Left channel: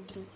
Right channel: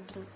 ஊற்றணும்.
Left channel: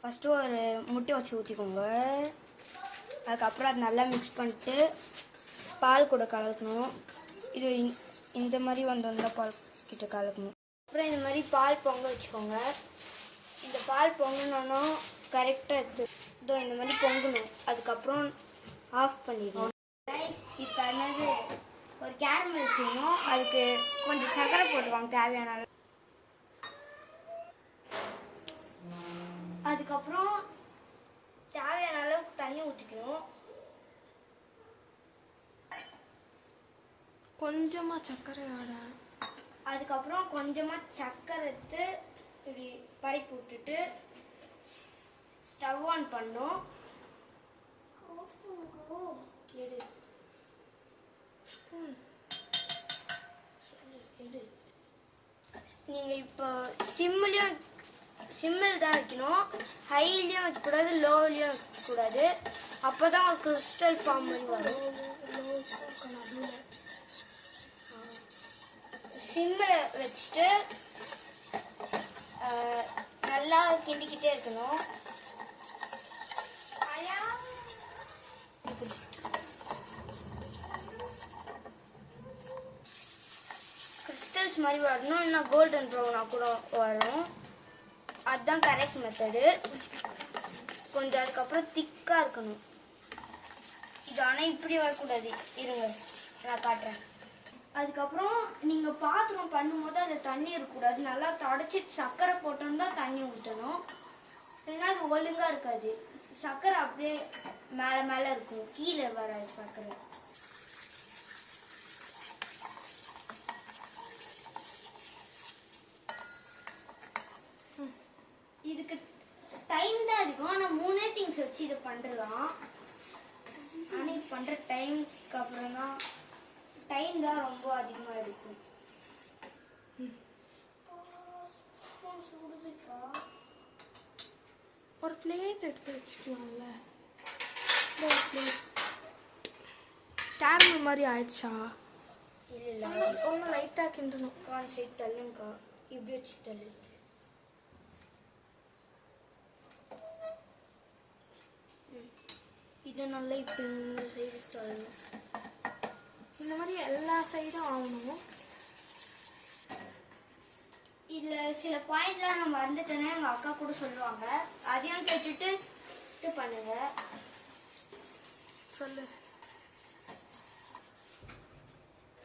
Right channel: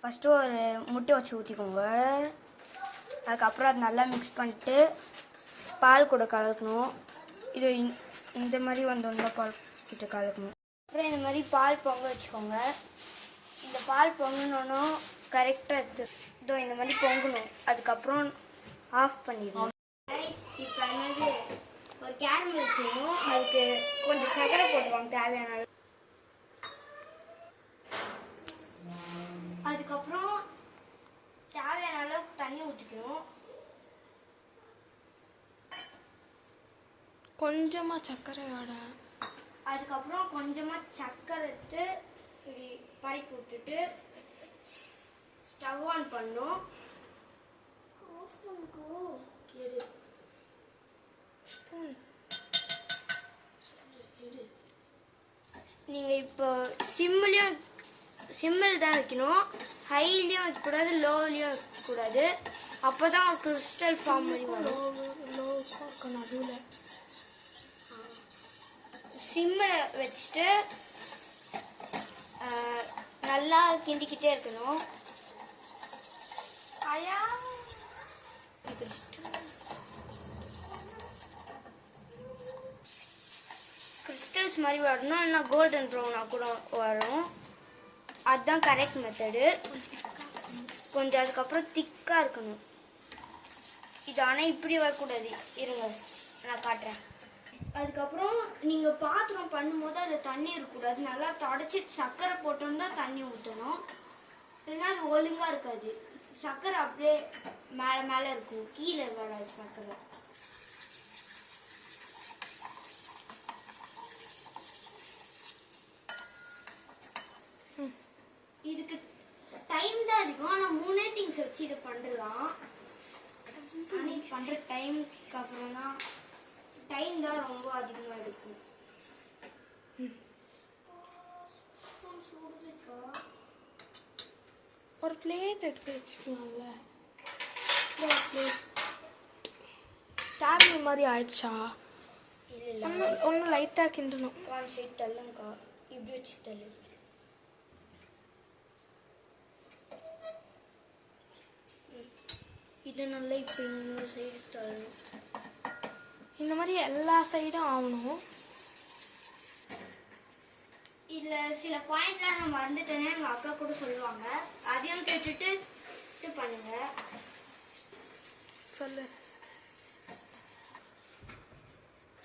ஃபஸ்ட்டு ஒரு முட்டை வச்சு ஊற்றிக்கோங்க. அதுக்கப்புறம் அது நல்லா மிக்ஸ் பண்ணிட்டு பால் கூட கலக்கணும். இது இந்த மாதிரி வந்தோம்னா பால் கிட்ட கலக்கணும். அப்புறம் இந்த மாதிரி பால் பொங்க வச்சுக்கோங்க. இந்த பால் பொங்கணுன்னா கரெக்டாக இதோ இந்த மாதிரி பொங்கணும். அதுக்கப்புறம் ஆஃப் பண்ணிடணும். இப்போ என்னது ஒரு கேரமல் செய்யணும். அதுக்கு கொஞ்சம் சக்கரை போட்டுக்கலாம் தேவையான. அதுக்கப்புறம் தேவையான அளவுக்கு தண்ணி ஊற்றிக்கணும். கொஞ்சமாக சர்க்கரையோட. அதுக்கப்புறம் கொஞ்சமாக சர்க்கரை எடுத்து இப்படி பறிப்பு விட்டுட்டு ஸ்டவ் ஆன் பண்ணோம். எடு ஸ்பூன் எடு. நீங்கள் இப்போ சிம்மில் தான் வைக்கணும். ஹைலையும் வைக்கக்கூடாது, லோவிலையும் வைக்கக்கூடாது. அப்போ தான் ஒரு கிறிஸ்டல் ஃபார்ம் மாதிரி வரும். சிம்மில் வச்சுட்டு நல்லா கிண்டிக்கிட்டே இருக்கணும். கிறிஸ்டல்ஸ் மாதிரி வரணும், இல்லைன்னா கோல்டன் ப்ரௌனாக கூட வரும். அதுதான் கரெக்ட் மெத்தடு. கொஞ்சம் அதுக்கப்புறம் திக்காக இருக்கணும் இது. ஆனால் இப்படி வரக்கூடாது. இருங்க நான் காட்டுறேன். அதுக்கப்புறம் நீங்கள் பாத்திரம் பண்ணும்போது அதில் தண்ணி இருக்கக்கூடாது. நல்லா தொடச்சிட்டு சர்க்கரை போட்டோன்னு தான் தண்ணி ஊற்றணும். இல்லைன்னா அது ஒழுங்காக இருக்காது. சர்க்கரை அப்படியே மேலே மேலே இருக்கும், கீழே வராது சர்க்கரை. இதுக்கு டைம் தான் அதிகம். ஆனால் 3 திங்ஸ் வச்சு இதை பண்ணிடலாம். ஆனால் இது பண்ணுற டைமுக்கு அப்புறம் தான் டைம் தான் ரொம்ப அதிகமாக இருக்கும். ஒரு பிளேட் எடுத்து வச்சுக்கலாம்ல. கேரமல் மாதிரி ஆயிடுச்சா? இல்லை ஒன்றும் லைட்டாக கிண்டணும். கான் சைட் தள்ளுங்கக்கா. இப்படி வச்சு தள்ளு. இதை நல்லா இப்போ இந்த சைடு தள்ளணும். இந்த மாதிரி எல்லா சைடும் ஆகணும். இதில் சில பாயிண்ட்லாம் நான் மறந்துட்டேன்னா எங்கள் அக்கா கூட சொல்லுவாங்க. அதையும் கேட்டுட்டு பண்ணுங்க. சொல்லு.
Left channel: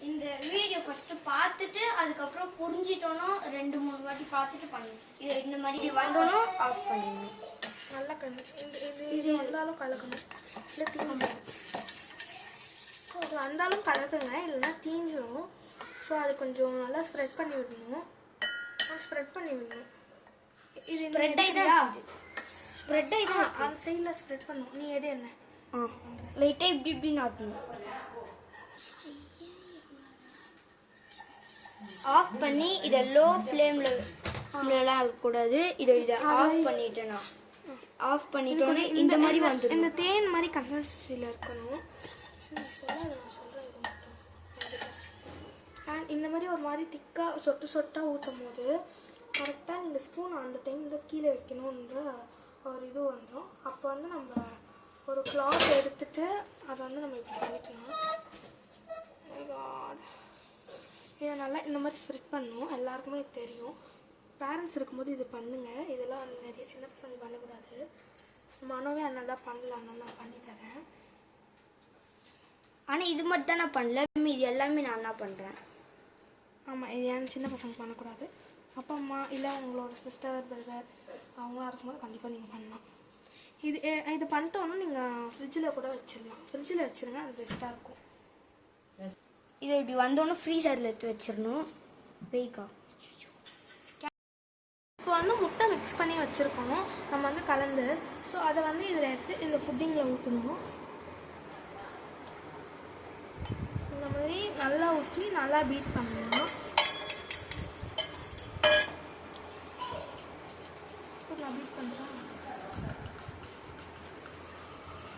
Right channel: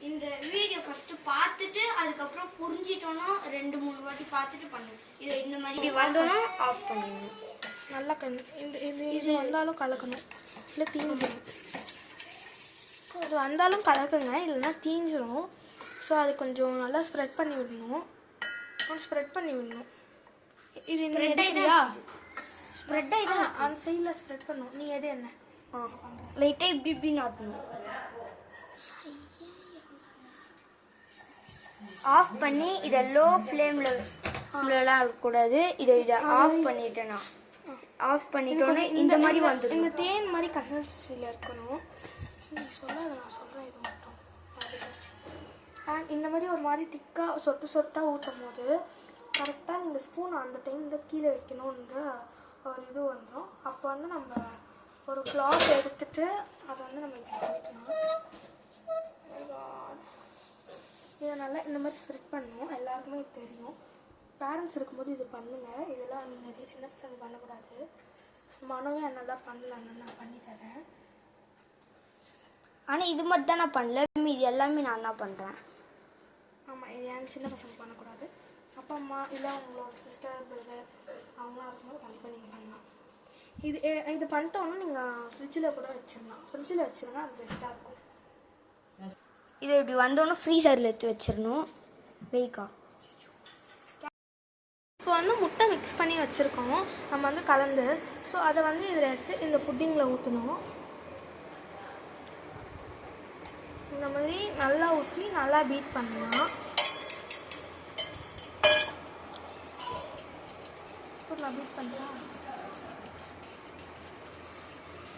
இந்த வீடியோ ஃபர்ஸ்ட் பார்த்துட்டு அதுக்கப்புறம் புரிஞ்சிட்டோன்னா 2-3 வாட்டி பார்த்துட்டு பண்ணணும். இதை இந்த மாதிரி வந்தோன்னா ஆஃப் பண்ணணும். நல்லா இது வந்தாலும் கலக்கணும், இல்லை தீஞ்சிடும். அது வந்தாலும் கலக்குங்க, இல்லைன்னா தீஞ்சிடும். ஸோ அது கொஞ்சம் நல்லா ஸ்ப்ரெட் பண்ணி விடணும். இது எடுக்கிறியா? ஸ்ப்ரெட் ஆகிடும். அந்த சைடில் ஸ்ப்ரெட் பண்ணணும். நீ எடு என்ன லைட்டாக இப்படி நாட்டணும். ஆஃப் பண்ணி இதை லோ ஃப்ளேம்லலாம் இருக்கக்கூடாது. இதை ஆஃப் பண்ணிட்டேன்னா ஆஃப் பண்ணிட்டோன்னு இந்த மாதிரி வந்துடும். இந்த தேன் மாதிரி கன்சிஸ்டன்சியில் இருக்கணும். சொல்லாத, நான் சொல்கிறேன். இது மட்டும் இந்த மாதிரி ஒரு மாதிரி திக்காக சொட்டாக ஊற்றும் போது கரெக்டாக நீங்கள் ஸ்பூன் அந்த டைமில் கீழே வைக்கணுன்ற ஒரு இது வந்துடும். அப்போ வந்து நம்ம ஒரு கிளாத் எடுத்துட்டு அதை வந்து நம்ம இப்படி பண்ணிக்கணும். இதை நல்லா இந்த மாதிரி ஸ்ப்ரெட் பண்ணணும். எல்லாருக்குமே இது தெரியும். பேரண்ட்ஸ் இருக்கும்போது இது பண்ணுங்கள். இதெல்லாம் நிறைய சின்ன பசங்க பண்ணக்கூடாது. மனவே என்ன தான் பண்ணலான்னு நான் பண்ணித்தரேன். ஆனால் இது மட்டும் தான் நான் பண்ணல, இது எல்லாமே நான் தான் பண்ணுறேன். ஆமாம், இது ஏன் சின்ன பசங்க பண்ணக்கூடாது. அப்பா அம்மா இல்லை உங்களோட சிஸ்டர் பிரதர் அவங்களாம் இருக்கும்போது கண்டிப்பாக நீங்கள் பண்ணலாம். இது பண்ணிட்டோன்னா நீங்கள் ஃப்ரிட்ஜில் கூட வச்சிடலாம். ஃப்ரிட்ஜில் வச்சுருங்க, அது பெஸ்ட்டாக இருக்கும். இது இப்படி வந்தோன்னே ஃப்ரீசரில் எடுத்து வச்சிடணும். வெய்க்கா இப்போ வந்து முட்டை மிக்ஸ் பண்ணி வச்சுருக்கோம் நம்ம வந்து கலந்து. ஸோ அதை வந்து இதில் எடுத்து இந்த புட்டிங்கில் ஊற்றணும். இந்த மாதிரி நல்லா ஊற்றி நல்லா பீட் பண்ணலாம். நான் பீட் பண்ணுறேன்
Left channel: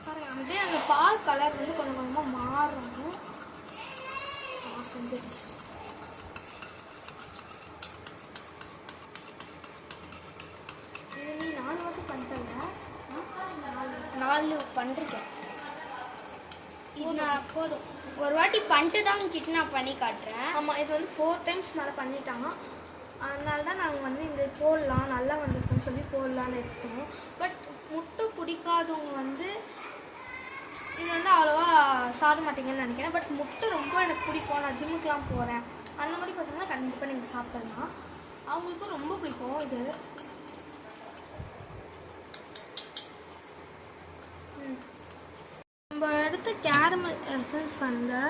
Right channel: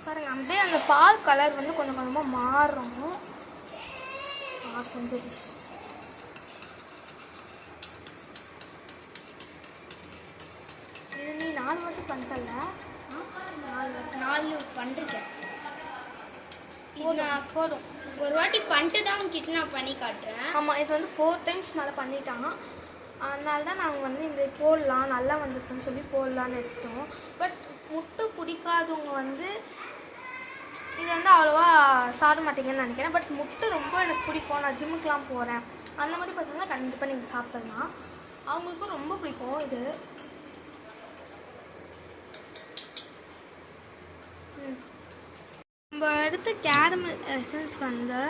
பாருங்கள். அப்படியே அந்த பால் கலர் வந்து கொஞ்சம் கொஞ்சமாக மாறணும். செஞ்சிடுச்சு. பண்ணிருக்கேன். போதும் ஒரு வாட்டி பண்ணிட்டு தான் உங்ககிட்ட நான் பண்ணி காட்டுறேன். ஆமாம், இது வந்து 4 டைம்ஸ் மேலே பண்ணிட்டாங்க. அதனால தான் நாங்கள் வந்து இந்த போடலாம், நல்லா வந்துருக்குன்னு சொல்லி போடலான்னு எடுத்தோம். பட் முட்டை பிடிக்காதவங்க வந்து இது வந்து அவ்வளோவா சாப்பிட மாட்டீங்கன்னு நினைக்கிறேன். பட் முட்டை ரொம்ப எனக்கு பிடிக்கும், நான் ஜிம்முக்கெலாம் போகிறேன் அந்த மாதிரி பார்த்தீங்கன்னா கண்டிப்பாக நீங்கள் சாப்பிட்லாம். அவங்களுக்கும் ரொம்ப பிடிக்கும் இது. நம்ம எடுத்த கேரமல் எசன்ஸ் வந்து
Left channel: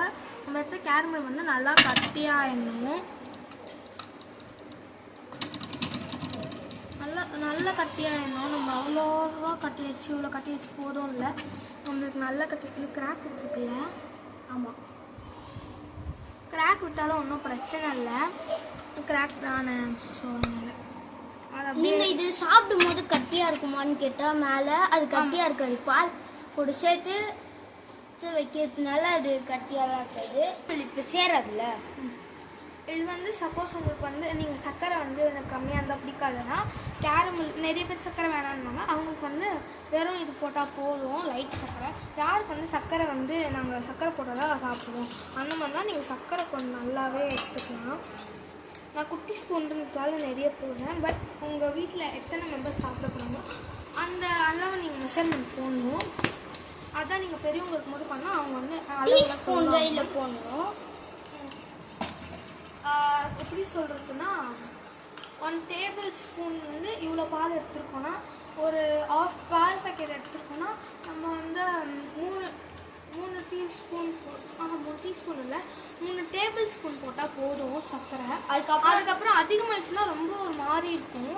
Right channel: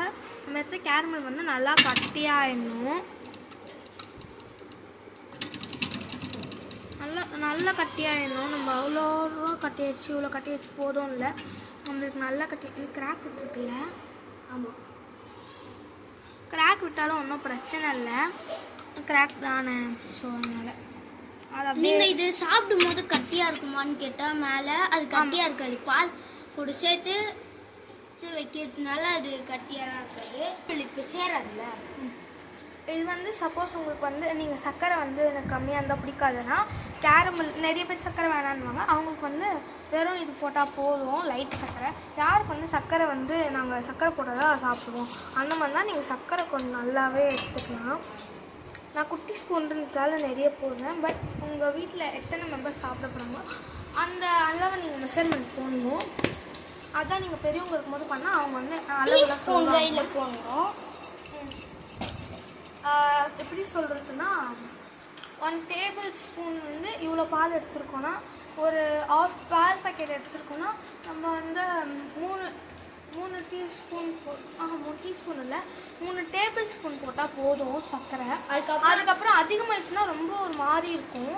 நல்லா கட்டியாயிடணும். நல்லா கட்டியாயிடணும். நம்ம அவ்வளோவா கட்டியாச்சு, இவ்வளோ கட்டியாச்சு போதும் இல்லை, நம்மளுக்கு நல்லா கட்டி கிராக் விட்டுருக்குல்ல. ஆமாம், கிராக் விட்டாலும் ஒன்றும் பிரச்சனை இல்லை, கிராக் தானே. ஸோ அதனால் நீங்கள் இது சாப்பிடும் போது கட்டியாக இருக்குமான்னு கேட்டால் மேலே அது கட்டியாக இருக்காது. பால் கூட சேர்த்து வைக்கிறதுனால அது கட்டியாக தான் இருக்காது. இப்போ சேராதுல்ல. இது வந்து சப்போஸ் உங்களுக்கு வந்து நீங்கள் சர்க்கரை வந்து எனக்கு கம்மியாக இருந்தால் பிடிக்காதுன்னா கேரமல், நிறைய பேர் சர்க்கரை வேணான்னுவாங்க, அவங்களுக்கு வந்து வெறும் இது போட்டால் போதும், லைட் சர்க்கரை. யாருக்கு வந்து சர்க்கரை வந்து நாங்கள் சர்க்கரை போட்டால் தான் சாப்பிடுவோம் அந்த மாதிரி தான் நீங்கள் சர்க்கரை கொஞ்சம் நல்லாவே எடுத்துக்கலாம். நான் குட்டி ஸ்பூன்றதால நிறைய போடுறேன். பட் உங்கள் வீட்டில் எத்தனை மெம்பர்ஸ் சாப்பிட போகிறாங்களோ அந்த அளவு நீங்கள் மெஷர்மெண்ட் போடணும். அதான் நீங்கள் பெரியவங்க இருக்கும்போது பண்ணால் அவங்க வந்து அளவுலாம் சொல்லுவாங்க. போடணும். எப்படி சொல்கிறதுன்னா 1 டேபிள் ஸ்பூன் வந்து இவ்வளோ பால் எடுத்துருக்கோன்னா, ஒரு ஆஃப் பால் பேக்கெட் எடுத்துருக்கோன்னா நம்ம வந்து 3 டீஸ்பூன் 3 டீஸ்பூன் இல்லை 3 டேபிள் ஸ்பூன் போட்டால் போதும் சர்க்கரை. அதுக்கப்புறம் அதிகமாகிடுச்சுன்னா ரொம்ப ஒரு மாதிரி இருக்கும்.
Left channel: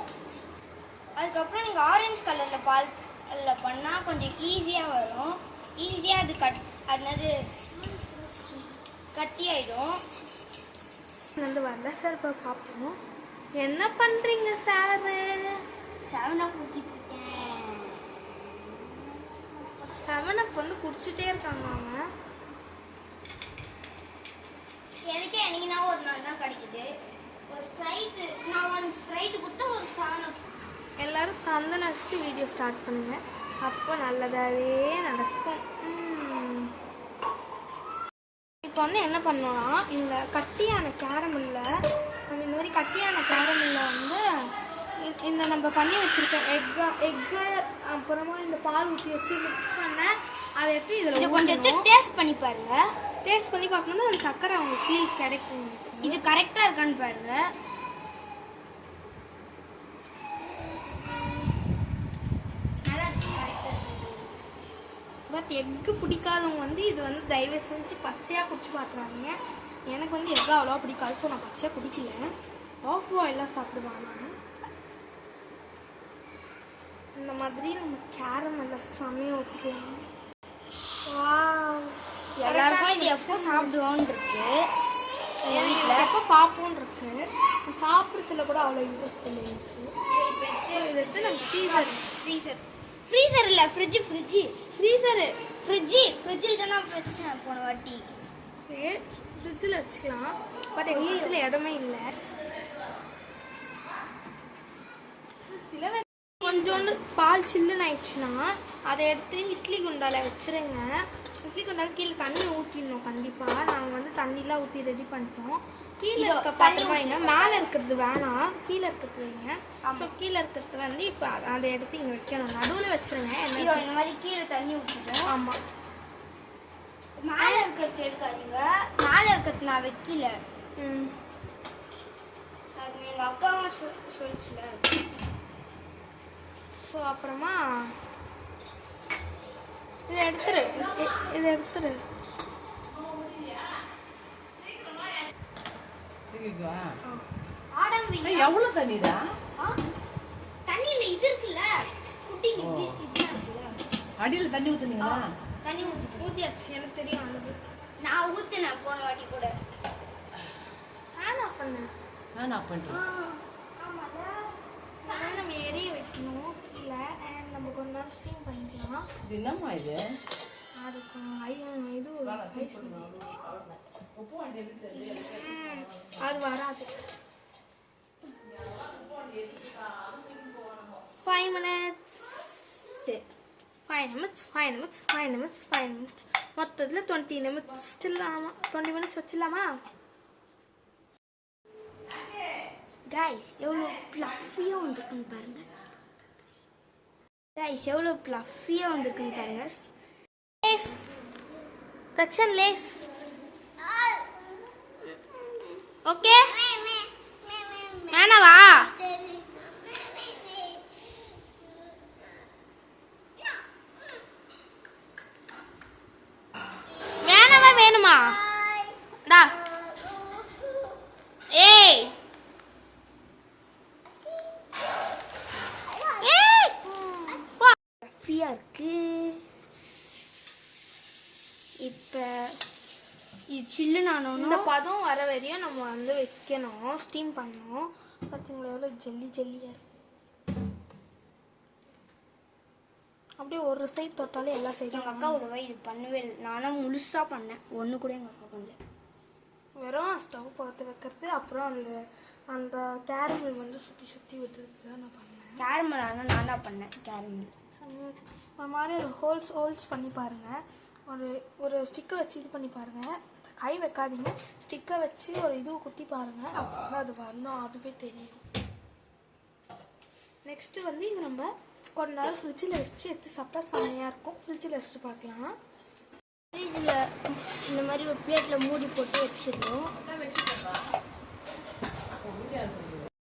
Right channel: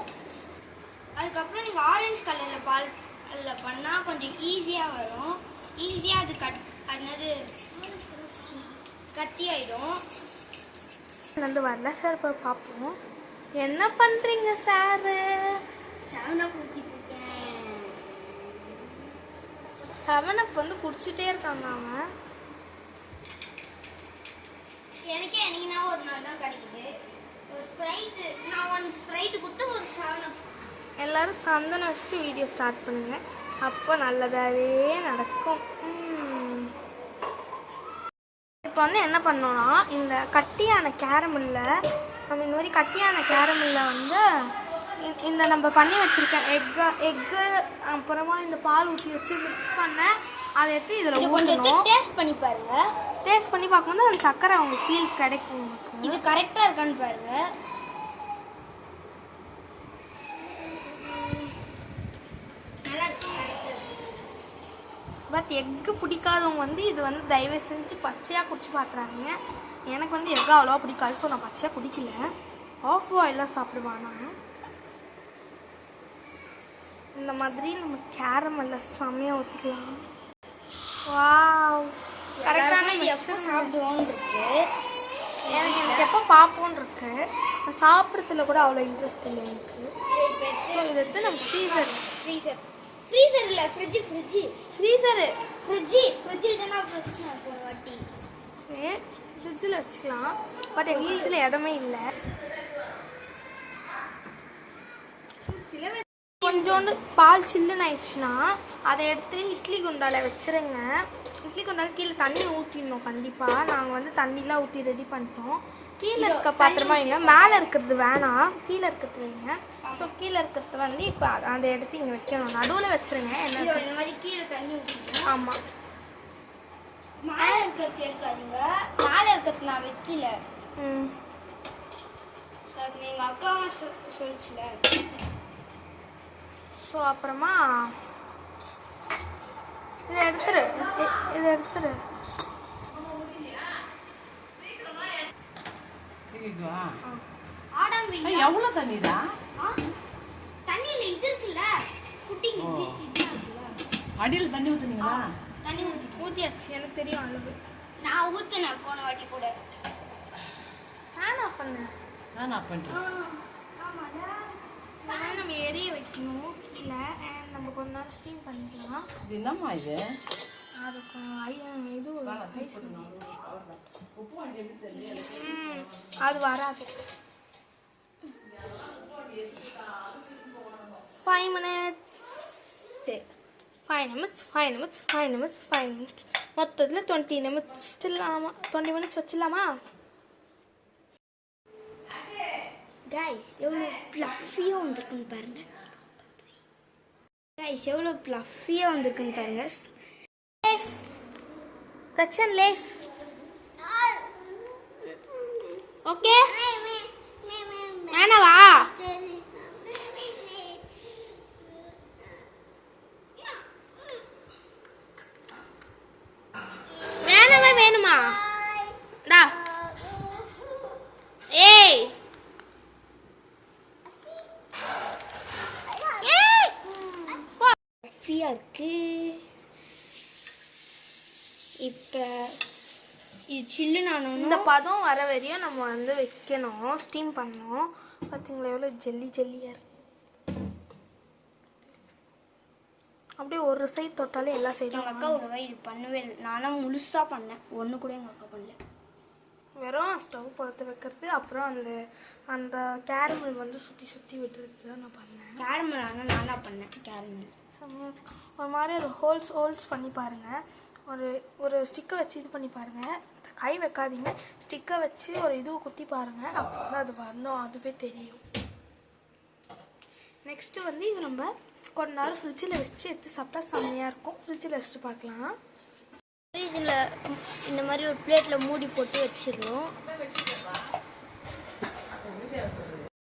அதுக்கப்புறம் நீங்கள் ஆரஞ்சு கலரில் பால் அதில் பண்ணால் கொஞ்சம் ஈஸியாக வரும். ஈஸியாக அது கட்டி ஆகிடும். வந்து வரல சார். இப்போ பார்ப்போம் என்ன பண்ணுறீங்க சாரு. 7 ஊற்றிட்டு இருக்கேன். 7 வந்து குடிச்சிட்டே இருக்காங்க அவன். எனக்கே என்னைக்குனா ஒரு நாள் தான் கிடைக்குது. ஒரு ஸ்ப்ரைட்டு, நான் 1 ஸ்ப்ரைட்டு கொடுத்து ஒரு 7 எல்லாரும் சந்தனம் வச்சுட்டு வீடியோ ஸ்டார்ட் பண்ணுங்க, அப்போ நல்லதாகவே நடக்கும். இப்போ வந்து என்ன பண்ணோன்னா இந்த கட்டியான கேரமில்ல நம்ம இந்த மாதிரி கட்டியான கேரமில்ல வந்து இந்த நம்ம பண்ணி வச்சுருக்க எக்கு அப்புறமா இந்த பால் ஊற்றி வச்சு மிக்ஸ் பண்ண அதை எடுத்து இதில் ஊற்றணும். டேஸ்ட் பண்ணி பாருங்க. டேஸ்ட் பண்ணி பார்க்கும்போது அந்த சக்கரை உங்களுக்கு ஃபீல் கிடைக்கும். இது கரெக்டாக இருக்கான்னு பாருங்க. பட் எக்கு பிடிக்காதவங்க வந்து இது வந்து தயவு செஞ்சு பச்சையாக குடிச்சு பார்க்குறாங்க. எனக்கு வந்து எக்கு அவ்வளோவா பிடிக்காது, ஸோ நான் பச்சையாக குடிக்கல. ஆஃப் பாயிலாக சாப்பிடுவான் நான். இந்த மாதிரி நம்ம கேரமெல்ல செம்மையாக ஊற்றிக்கலாம். வாவ், எப்போ சாப்பிடுவோன்னு இருக்கு, எனக்கு எப்போ பார்ப்போன்னு இருக்கு. சாப்பிட்றதுல கூட அவ்வளோ இன்ட்ரெஸ்ட் இல்லை எனக்கு. ஸோ இதை எடுத்து நம்ம ஃப்ரீசர் இல்லை ஃப்ரிட்ஜில் தானே வச்சேன் போன வாட்டி. ஃப்ரிட்ஜில் வச்சுக்கலாம். பட் எங்கள் ஃப்ரிட்ஜில் இடமே இல்லை. கொஞ்சோண்டு பால் சில்லுன்னு ஆயிடுச்சுன்னா அதை எடுத்து இட்லி குண்டால வச்சுருங்க. இட்லி குண்டால கீழே தண்ணி ஊற்றிடணும் கண்டிப்பாக. நாங்கள் வந்து தண்ணிலாம் ஊற்றி ரெடி பண்ணிட்டோம். கீழே இருக்க பாத்திரமா வைங்க, மேலே இருக்கிறது வேணாம், கீழே இருக்கிறது வைங்க. ஸோ கீழே இருக்கிறது வந்து இப்போ அதை எடுத்து இங்கே வைக்கணும், நடுவில் வச்சுருங்க. என்ன இந்த மாதிரி கீழே தண்ணி ஊற்றிங்க. ஆமாம், மேலே இருக்கிறது எடுக்காதீங்க. மேலே இருக்கிறது நான் வைக்கல. சார் எங்கள் அக்காவும் சொல்லிச்சுல. ஸோ அப்புறமா இதை எடுத்துரு. எவ்வளவு தண்ணிடா? தண்ணியில இது இருக்குல்ல குட்டி அடியில் தண்ணி ஊத்துனீங்களா? தண்ணி ஊற்றியாச்சு, எனக்கு தெரியும் அளவு. நான் ஊற்றினேன் போன வாட்டி கூட. ஃபேன் ஆஃப் பண்ணேன். நம்ம எரிய வைக்கணும் கீழே. அண்ட் நம்ம கொஞ்ச நேரம் ஸ்டீம் பண்ணிக்கலாம். இது என்னம்மா இது? அதுக்கு இது ஐஸ் அது வராது. 5 minutes 5 minutes 5 minutes 5 minutes 5 minutes மொத்தத்தில் 20 minutes வச்சிடலாமா 20 minutes வச்சிடலாமா கைஸ் எவ்வளோ ப்ளஃபியாக வந்திருக்குன்னு பாருங்க கைஸ் எவ்வளோ ப்ளஃபியாக வந்திருக்குன்னு பாருங்க லேஸ் ரக்ஷன் லேஸ் ஓகே வேணவா வேணவா வேணுமா டா ஏய் ப்ளஃபியாக இருக்கு இப்போ இது சில்லுன்னு ஆனோன்னா இந்த பதம் வர வரையும் நம்ம வந்து வைக்கணும் ஸ்டீம் பண்ணணும் பார்த்தீங்களா எவ்வளோ ஜெல்லியாக இருக்கு அப்படியே ஒரு சைடு தொட்டாலே எல்லா சைடும் எங்கள் அக்கா ஒரு இது பண்ணவே இல்லை நான் தான் முழுசாக பண்ணேன் ஒன்று கூட எங்கள் அக்கா பண்ணல வெறும் ஸ்டவ் பார்த்து வைக்கிறது அப்புறம் அந்த அந்த கேரமல் வந்து சுற்றி விட்டுறது தான் நான் பண்ணேன் கேரமல் ஆனால் நான் தான் பண்ணேன் கேரமல் செம்மையாக இருக்கும் ஒரு மாதிரி ஒரு ஹோல்ஸ் பண்ணி பாருங்கள் ஒரு ஸ்டிக்கை வச்சு இது பண்ணி பாருங்கள் கை வைக்காதீங்க ஸ்டிக்கை வச்சு ஒரு இதுவை குத்தி பாருங்கள் அப்போ தான் அது வரணும் அதுவே தெரியும் நெக்ஸ்ட்டு வந்து இது நம்ம கொஞ்ச நேரம் ஃப்ரிட்ஜில் வச்சு எடுத்து சாப்பிட்டா செம்மையாக இருக்கும் ஃப்ரிட்ஜில் வச்சுட்டு பார்க்கலாம் ஃப்ரிட்ஜில் இந்த மாதிரி ஒரு பிளேட்டில் மூடி போட்டு வச்சிடணும்